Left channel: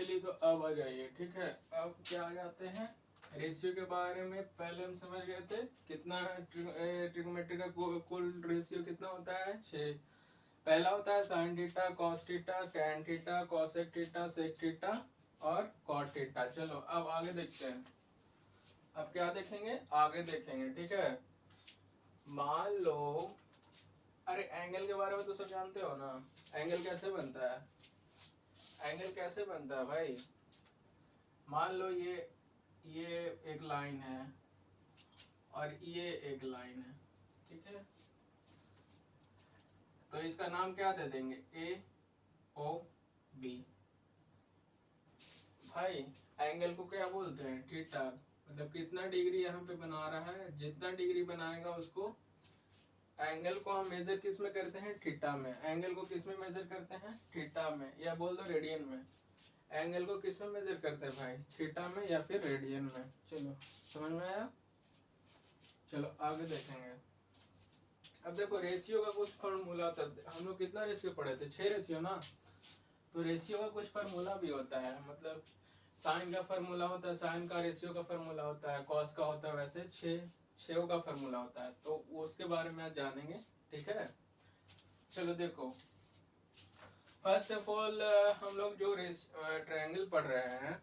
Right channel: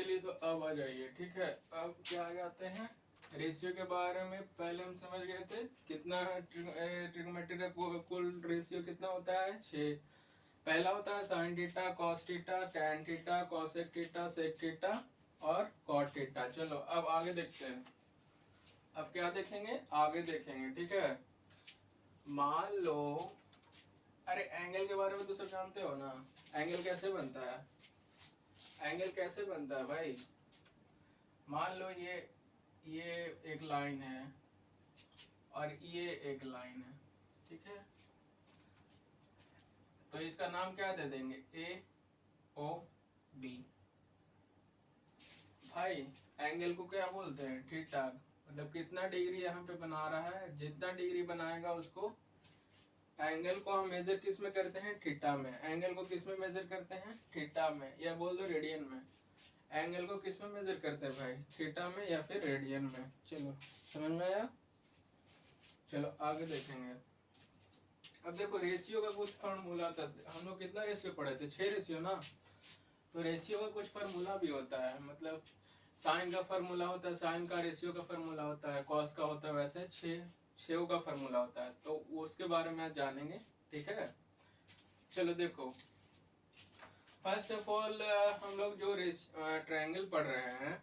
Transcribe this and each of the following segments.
चलिए तो अब आ जाइए, ठीक है। अब क्या आ जाते हैं, रेशियो के बारे में पहले हम समझ गए थे। कितना ट्रिग्नोमेट्री का कुल रेशियो कितना होता है, 6। पहला होता है sine theta, cos theta, tan theta, cosec theta, sec theta और कॉट थीटा। चलो अब आगे देखते हैं। अब क्या देखेंगे, आगे देखेंगे, ठीक है। मान लो, अरे एंगल के बारे में तो सब जानते हो ना। एंगल कैसे बनता है, एंगल कैसे बनता है भाई। मान लो ये एक लाइन है और ये एक लाइन है, ठीक है। तो इसका नाम क्या दे देंगे, ए ओ बी। भाई एंगल को क्या बोलते हैं, थीटा। मतलब कितना डिग्री यहाँ पे बना रहा है, जितना डिग्री बनाएगा उसको। एंगल को हम मेजर किस में करते हैं, थीटा में। एंगल को किस में मेजर करते हैं, थीटा में, या बोल दो रेडियन में। एंगल को किस में मेजर करते हैं भाई, थीटा में या फिर रेडियन में। चलो समझ में आया। चलो आगे देखेंगे। अब देखो रेशियो का कुछ फॉर्मूला था, हम लोग कितना रेशियो पढ़े थे, 6 रेशियो ना। तो रेशियो का कुछ फार्मूला भी होता है, मतलब साइन का फार्मूला होता है, साइन का रेशियो का फार्मूला होता है, कॉस का होता है, वैसे 6 का फार्मूला होता है। तो उसके बारे में आज जानेंगे, ठीक है। चलो देखो, फर्स्ट ऑफ ऑल हम लोग जो ट्रायंगल पढ़ रहे हैं,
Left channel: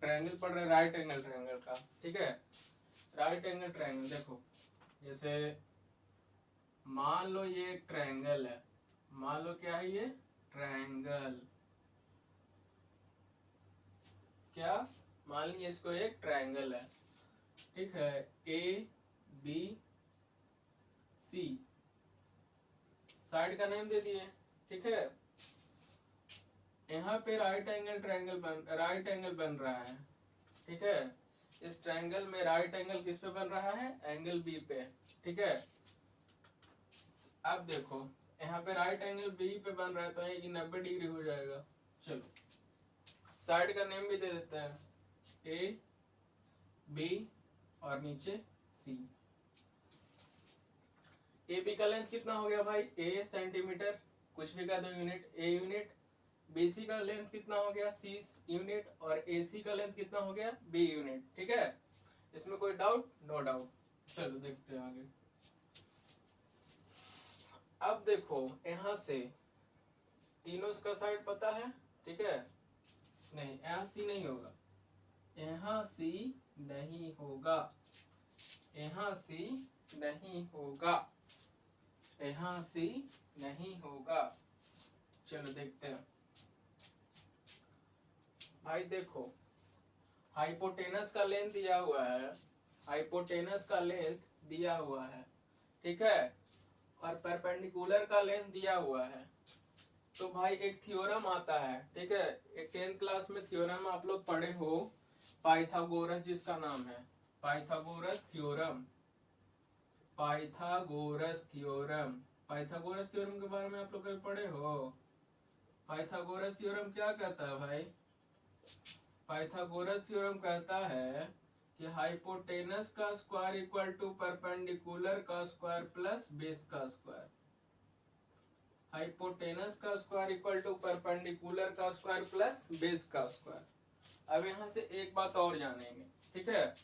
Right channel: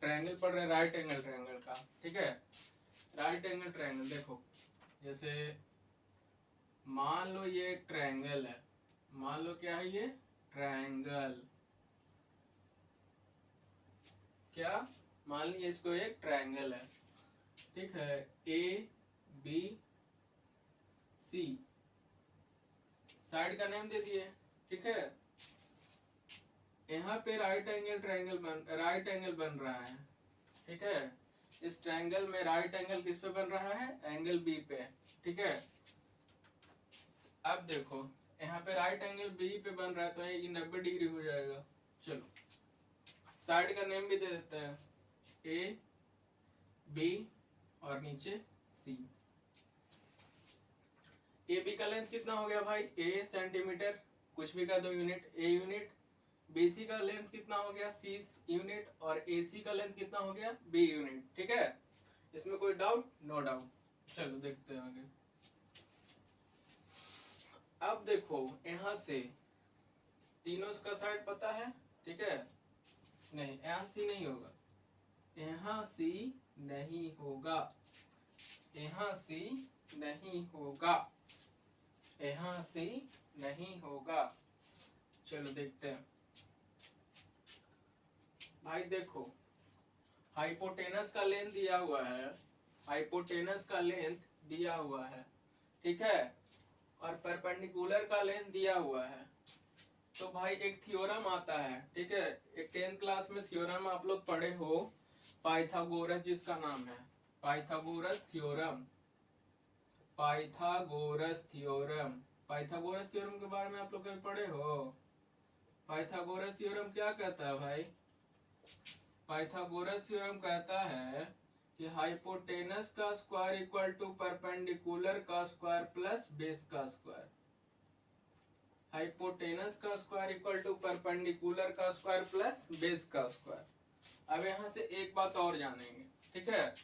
ट्रायंगल पढ़ रहे हैं राइट एंगल ट्रायंगल का, ठीक है। राइट एंगल ट्रायंगल देखो, जैसे मान लो ये एक ट्रायंगल है, मान लो क्या है ये, ट्रायंगल। क्या, मान लीजिए इसको एक ट्रायंगल है, ठीक है। ए बी सी, साइड का नेम दे दिए, ठीक है। यहाँ पे राइट एंगल बन रहा है, ठीक है। इस ट्रायंगल में राइट एंगल किस पे बन रहा है, एंगल बी पे, ठीक है। अब देखो यहाँ पे राइट एंगल बी पे बन रहा है तो ये 90 डिग्री हो जाएगा। चलो साइड का नेम भी दे देते हैं, ए बी और नीचे सी। ए बी का लेंथ कितना हो गया भाई, ए सेंटीमीटर, कुछ भी का दो unit, a unit. B C का लेंथ कितना हो गया, सी यूनिट। और ए सी का लेंथ कितना हो गया, बी यूनिट, ठीक है। इसमें कोई डाउट, नो डाउट। चलो देखते हैं आगे। अब देखो यहां से तीनों का साइड पता है, ठीक है। नहीं यहाँ सी नहीं होगा, यहाँ सी नहीं होगा, यहाँ सी नहीं होगा, यहाँ सी नहीं होगा। चलो देखते हैं भाई। देखो हाइपोटेनस का लेंथ दिया हुआ है, हाइपोटेनस का लेंथ दिया हुआ है, ठीक है। और परपेंडिकुलर का लेंथ दिया हुआ है। तो भाई एक थ्योरम आता है, ठीक है। एक 10th क्लास में थ्योरम आप लोग पढ़े हो, पाइथागोरस जिसका नाम है, Pythagoras theorem. Pythagoras theorem, Pythagoras theorem के बारे में आप लोग कभी पढ़े हो। पाइथागोरस थ्योरम क्या कहता है भाई, पाइथागोरस थ्योरम कहता है कि हाइपोटेनस का स्क्वायर इक्वल टू परपेंडिकुलर का स्क्वायर प्लस बेस का स्क्वायर। हाइपोटेनस का स्क्वायर इक्वल टू परपेंडिकुलर का स्क्वायर प्लस बेस का स्क्वायर। अब यहां से एक बात और जानेंगे, ठीक है।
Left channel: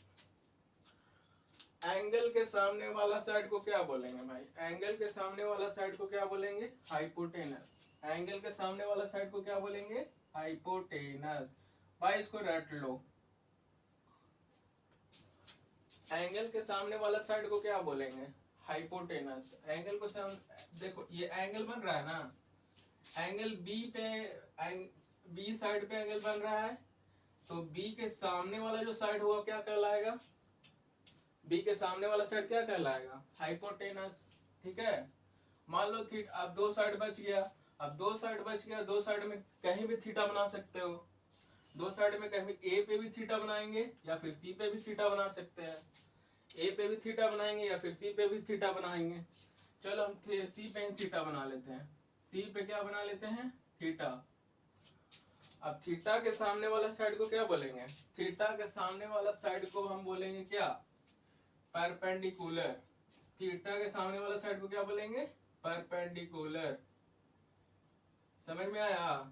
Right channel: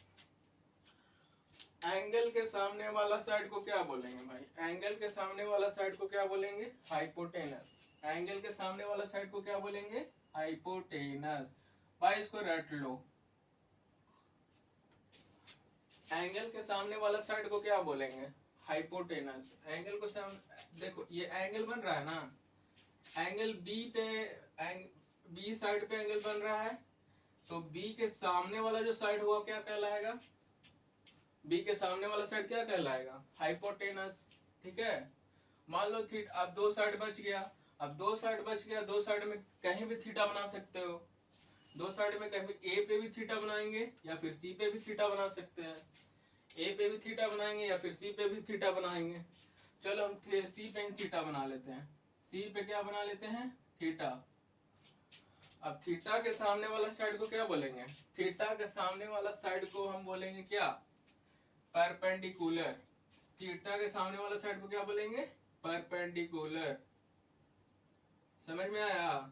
एंगल के सामने वाला साइड को क्या बोलेंगे भाई, एंगल के सामने वाला साइड को क्या बोलेंगे, हाइपोटेनस। एंगल के सामने वाला साइड को क्या बोलेंगे, हाइपोटेनस। भाई इसको रट लो, एंगल के सामने वाला साइड को क्या बोलेंगे, हाइपोटेनस। एंगल को देखो ये एंगल बन रहा है ना, एंगल बी पे, बी साइड पे एंगल बन रहा है। तो बी के सामने वाला जो साइड हुआ क्या कहलाएगा, बी के सामने वाला साइड क्या कहलाएगा, हाइपोटेनस, ठीक है। मान लो थीटा, अब दो साइड बच गया, अब दो साइड बच गया, दो साइड में कहीं भी थीटा बना सकते हो। दो साइड में कहीं ए पे भी थीटा बनाएंगे या फिर सी पे भी थीटा बना सकते हैं। ए पे भी थीटा बनाएंगे या फिर सी पे भी थीटा बनाएंगे। चलो हम सी पे थीटा बना लेते हैं, सी पे क्या बना लेते हैं, थीटा। अब थीटा के सामने वाला साइड को क्या बोलेंगे, थीटा के सामने वाला साइड को हम बोलेंगे क्या, परपेंडिकुलर। थीटा के सामने वाला साइड को क्या बोलेंगे, परपेंडिकुलर। समझ में आया,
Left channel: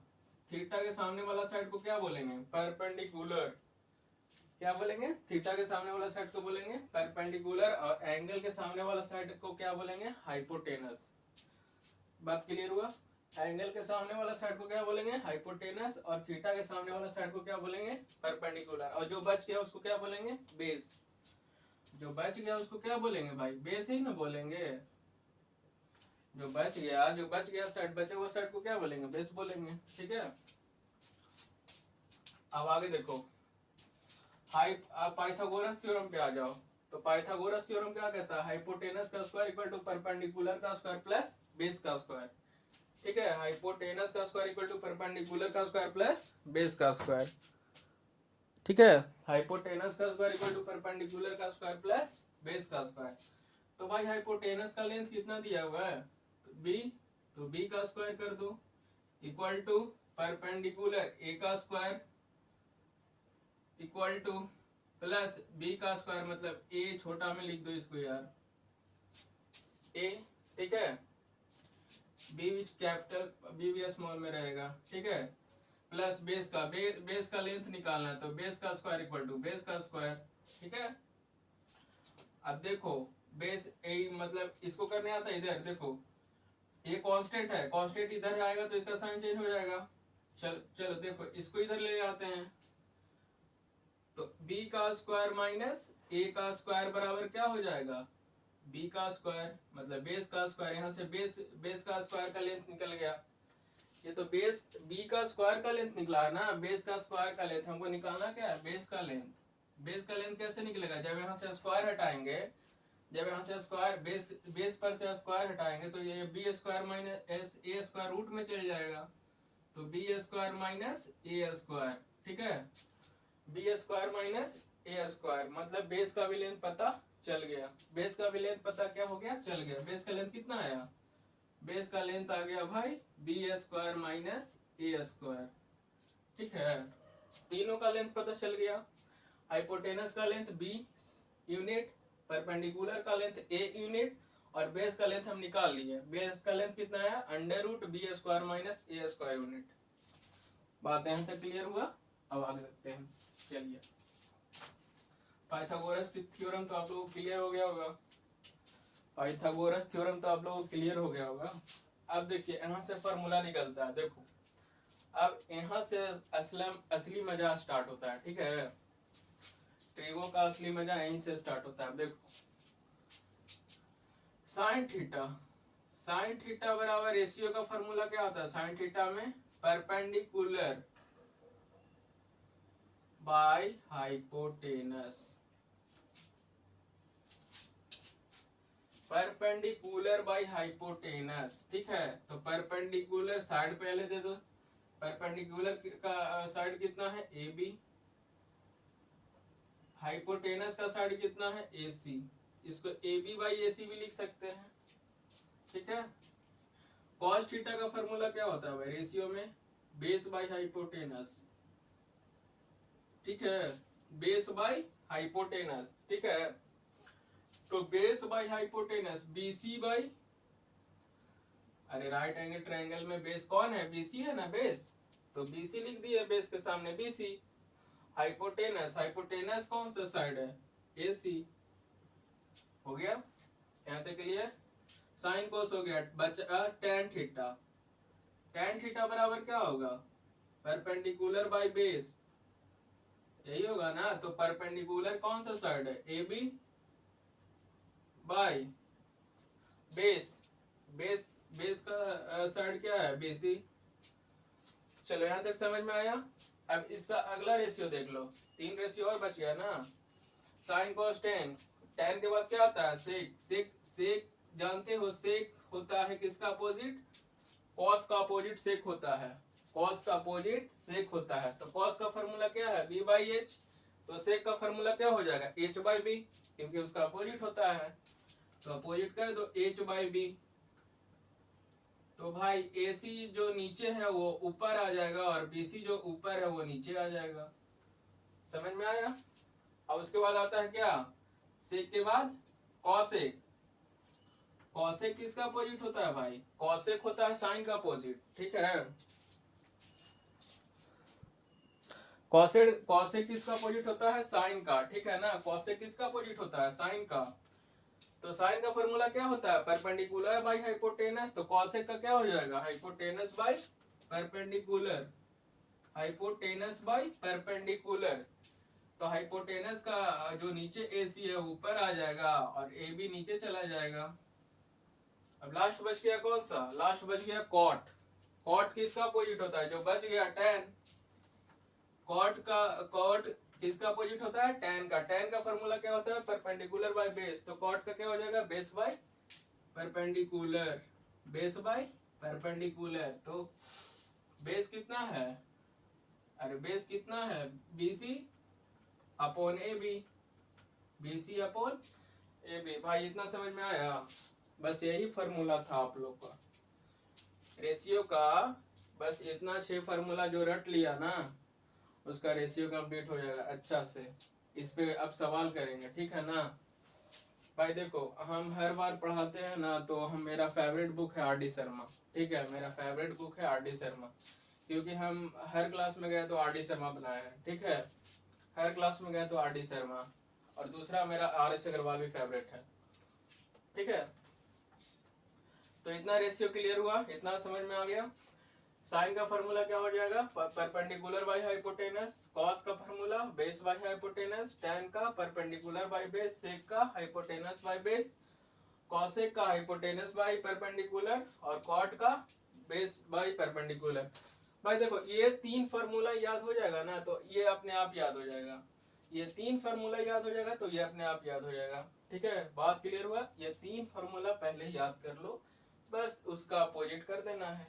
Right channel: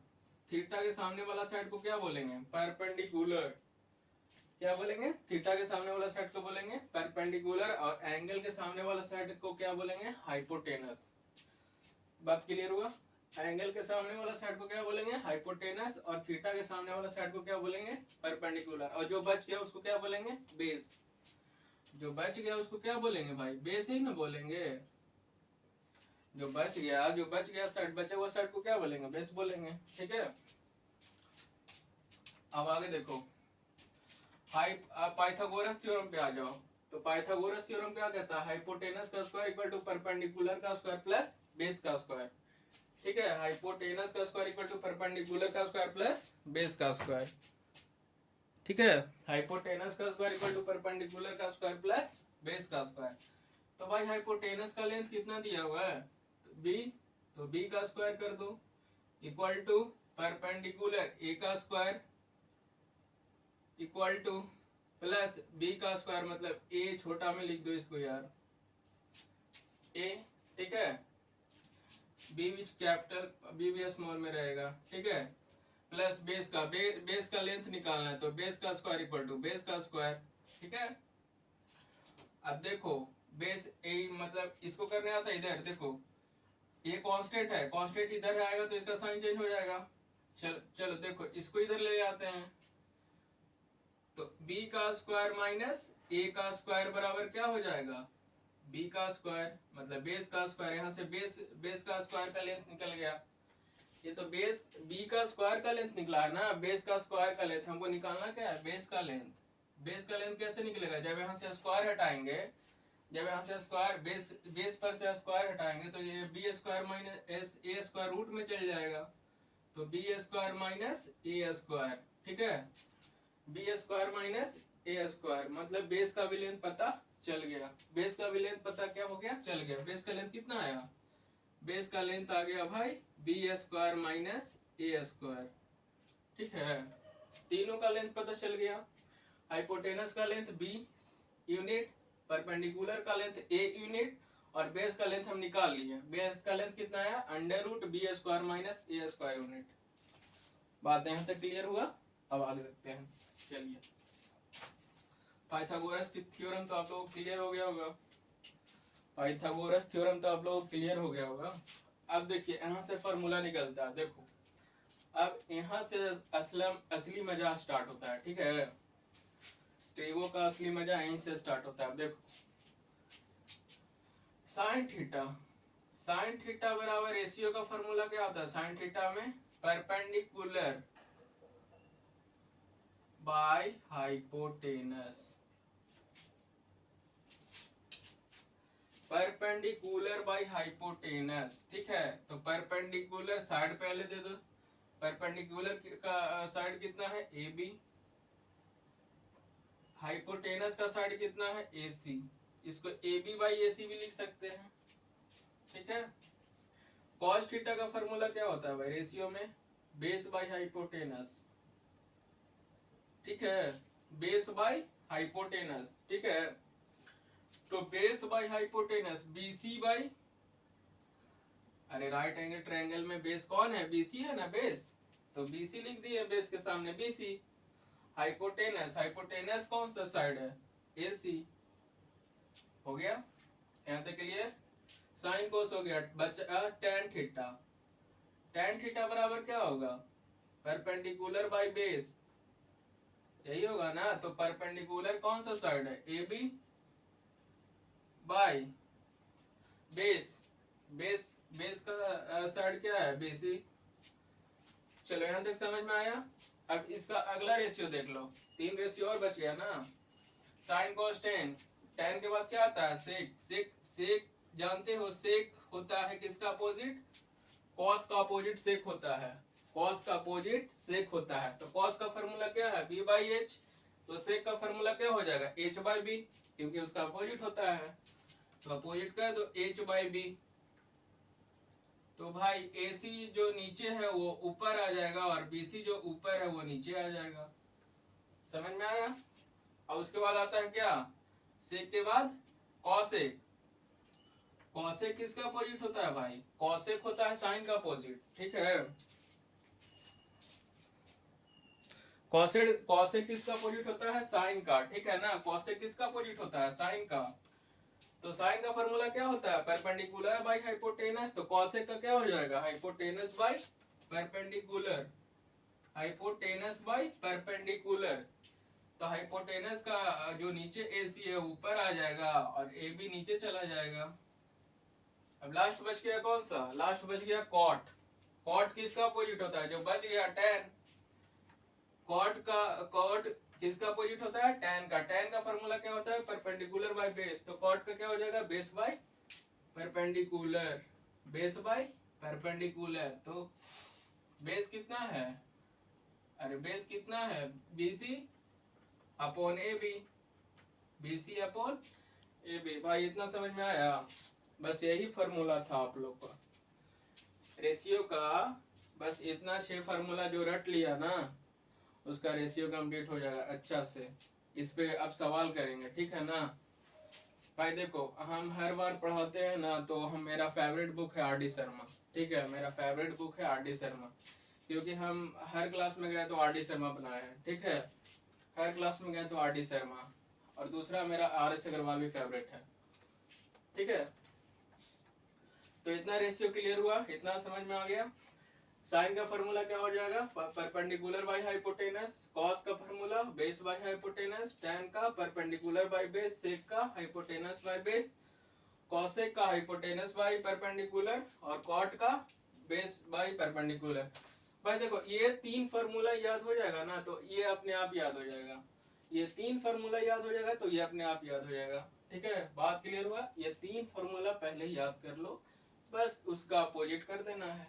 थीटा के सामने वाला साइड को क्या बोलेंगे? परपेंडिकुलर। क्या बोलेंगे? थीटा के सामने वाला साइड को बोलेंगे परपेंडिकुलर, और एंगल के सामने वाला साइड को क्या बोलेंगे? हाइपोटेनस। बात क्लियर हुआ? एंगल के सामने वाला साइड को क्या बोलेंगे? हाइपोटेनस, और थीटा के सामने वाला साइड को क्या बोलेंगे? परपेंडिकुलर। और जो बच गया उसको क्या बोलेंगे? बेस। जो बच गया उसको क्या बोलेंगे भाई? बेस ही ना बोलेंगे। जो बच गया साइड, बचे हुआ साइड को क्या बोलेंगे? बेस बोलेंगे। ठीक है, अब आगे देखो, पाइथागोरस थ्योरम पे आ जाओ। तो पाइथागोरस थ्योरम क्या कहता है? हाइपोटेनस का स्क्वायर इक्वल टू परपेंडिकुलर का स्क्वायर प्लस बेस का स्क्वायर। ठीक है, हाइपोटेनस का स्क्वायर इक्वल टू परपेंडिकुलर का स्क्वायर प्लस बेस का स्क्वायर। ठीक है, हाइपोटेनस का स्क्वायर इक्वल टू परपेंडिकुलर का स्क्वायर प्लस बेस का स्क्वायर। तो भाई हाइपोटेनस का लेंथ कितना दिया हुआ है? बी, तो बी का स्क्वायर कर दो इक्वल टू परपेंडिकुलर ए का square equal to plus B का स्क्वायर, मतलब ए छोटा में लिख दो इसको यार, ए। ठीक है, बी विच कैपिटल, बी भी स्मॉल में रहेगा। ठीक है, प्लस बेस का, बेस का लेंथ निकालना है, तो बेस का स्क्वायर इक्वल टू बेस का स्क्वायर। ठीक है, अब देखो बेस ए, मतलब इसको करने आता है इधर, देखो ये कांस्टेंट है, कांस्टेंट इधर आएगा तो इसका साइन चेंज हो जाएगा। चलो देखो इसको इधर ले आते हैं, तो b का स्क्वायर माइनस a का स्क्वायर बराबर क्या हो जाएगा? b का स्क्वायर, मतलब बेस का स्क्वायर। यहाँ से बेस का स्क्वायर का लेंथ निकल गया। ये तो बेस b का स्क्वायर का लेंथ निकला है ना, बेस का स्क्वायर का लेंथ हमको निकालना क्या है? बेस का लेंथ। बेस का लेंथ कैसे निकलेगा? जब यहाँ से स्क्वायर हटाएंगे, जब यहाँ से स्क्वायर बेस पर से स्क्वायर हटाएंगे तो ये B square minus A square root में चल जाएगा, तो B square minus A square. ठीक है, B square minus A square, मतलब बेस का भी लेंथ पता चल गया। बेस का भी लेंथ पता क्या हो गया? चल गया। बेस का लेंथ कितना आया? बेस का लेंथ आ गया भाई B square minus A square. ठीक है, तीनों का लेंथ पता चल गया। हाइपोटेनस का लेंथ बी यूनिट, परपेंडिकुलर का लेंथ ए यूनिट, और बेस का लेंथ हम निकाल लिए। बेस का लेंथ कितना आया? Under root B square minus A square unit. बात यहाँ तक क्लियर हुआ? अब आगे देखते हैं। चलिए, पाइथागोरस की थ्योरम तो आप लोगों को क्लियर हो गया होगा। पाइथागोरस थ्योरम तो आप लोगों को क्लियर हो गया होगा। अब देखिए यहाँ से फॉर्मूला निकलता है, देखो अब यहाँ से असली मजा स्टार्ट होता है। ठीक है, ट्रिगो का असली मजा यहीं से स्टार्ट होता है। देखो साइन थीटा बराबर रेशियो का फॉर्मूला क्या होता है? साइन थीटा में perpendicular by hypotenuse, perpendicular by hypotenuse. ठीक है, तो परपेंडिकुलर साइड पहले दे दो। परपेंडिकुलर का साइड कितना है? A B. हाइपोटेनस का साइड कितना है? ए सी। इसको ए बी बाई ए सी भी लिख सकते हैं। ठीक है, कॉस थीटा का फॉर्मूला क्या होता है भाई? रेशियो में बेस बाय हाइपोटेनस। ठीक है, बेस बाय हाइपोटेनस। ठीक है, तो base by hypotenuse BC by, अरे राइट एंगल ट्रायंगल में बेस कौन है? बीसी है ना बेस, तो बीसी लिख दिए बेस के सामने बीसी। हाइपोटेनस कौन सा साइड है? एसी। हो गया यहाँ तक क्लियर? साइन कोस हो गया, बचा tan थीटा। tan थीटा बराबर क्या होगा? परपेंडिकुलर बाय बेस, यही होगा ना। तो परपेंडिकुलर कौन सा साइड है? A B by base, base का साइड क्या है? बेसी। चलो यहाँ तक समझ में आया। अब इसका अगला रेशियो देख लो, 3 रेशियो और बच गया ना। साइन कॉस टेन, टेन के बाद क्या आता है? सेक जानते हो, सेक होता है किसका अपोजिट? कॉस का अपोजिट सेक होता है। कॉस का अपोजिट सेक होता है, तो कॉस का फॉर्मूला क्या है? B by H. तो सेक का फॉर्मूला क्या हो जाएगा? एच बाई बी, क्योंकि उसका अपोजिट होता है। तो अपोजिट कर दो एच बाई बी। तो भाई AC जो नीचे है वो ऊपर आ जाएगा, और BC जो ऊपर है वो नीचे आ जाएगा। समझ में आया? और उसके बाद आता है क्या? सेक के बाद कॉसेक। कॉसेक किसका अपोजिट होता है भाई? कॉसेक होता है साइन का अपोजिट। ठीक है, कॉसेक कॉसेक किसका अपोजिट होता है? साइन का, ठीक है ना। कॉसेक किसका अपोजिट होता है? साइन का। तो साइन का फॉर्मूला क्या होता है? Perpendicular by hypotenuse. तो कॉसेक का क्या हो जाएगा? Hypotenuse by perpendicular, hypotenuse by perpendicular. तो हाइपोटेनस का जो नीचे AC है ऊपर आ जाएगा और AB नीचे चला जाएगा। अब लास्ट बच गया कौन सा? लास्ट बच गया कॉट। कॉट किसका अपोजिट होता है? जो बच गया टैन। कॉट किसका अपोजिट होता है? टैन का। टैन का फॉर्मूला क्या होता है? Perpendicular by base. तो कॉट का क्या हो जाएगा? Base by perpendicular, base by perpendicular. तो बेस कितना है? अरे बेस कितना है? BC upon AB, BC upon AB। भाई इतना समझ में आया? बस यही फॉर्मूला था आप लोग का रेशियो का। बस इतना 6 फार्मूला जो रट लिया ना, उसका रेशियो कंप्लीट हो जाएगा अच्छा से। इस पे अब सवाल करेंगे, ठीक है ना। भाई देखो, हम हर बार पढ़ाते हैं ना, तो हम मेरा फेवरेट बुक है RD शर्मा, ठीक है। मेरा फेवरेट बुक है RD शर्मा, क्योंकि हम हर क्लास में गए तो RD शर्मा बनाए हैं, ठीक है। हर क्लास में गए तो RD शर्मा। और दूसरा मेरा RS अग्रवाल भी फेवरेट है, ठीक है। तो इतना रेशियो क्लियर हुआ, इतना समझ में आ गया। साइन का फॉर्मूला क्या हो जाएगा? Perpendicular by hypotenuse. कॉस का formula base by hypotenuse. Tan का परपेंडिकुलर बाय बेस। सेक का हाइपोटेनस बाय बेस। कॉसेक का हाइपोटेनस बाय परपेंडिकुलर। और कॉट का बेस बाय परपेंडिकुलर। भाई देखो, ये 3 फार्मूला याद हो जाएगा ना, तो ये अपने आप याद हो जाएगा। ये 3 फार्मूला याद हो जाएगा तो ये अपने आप याद हो जाएगा, ठीक है। बात क्लियर हुआ? ये 3 फार्मूला पहले याद कर लो, बस उसका अपोजिट कर देना है।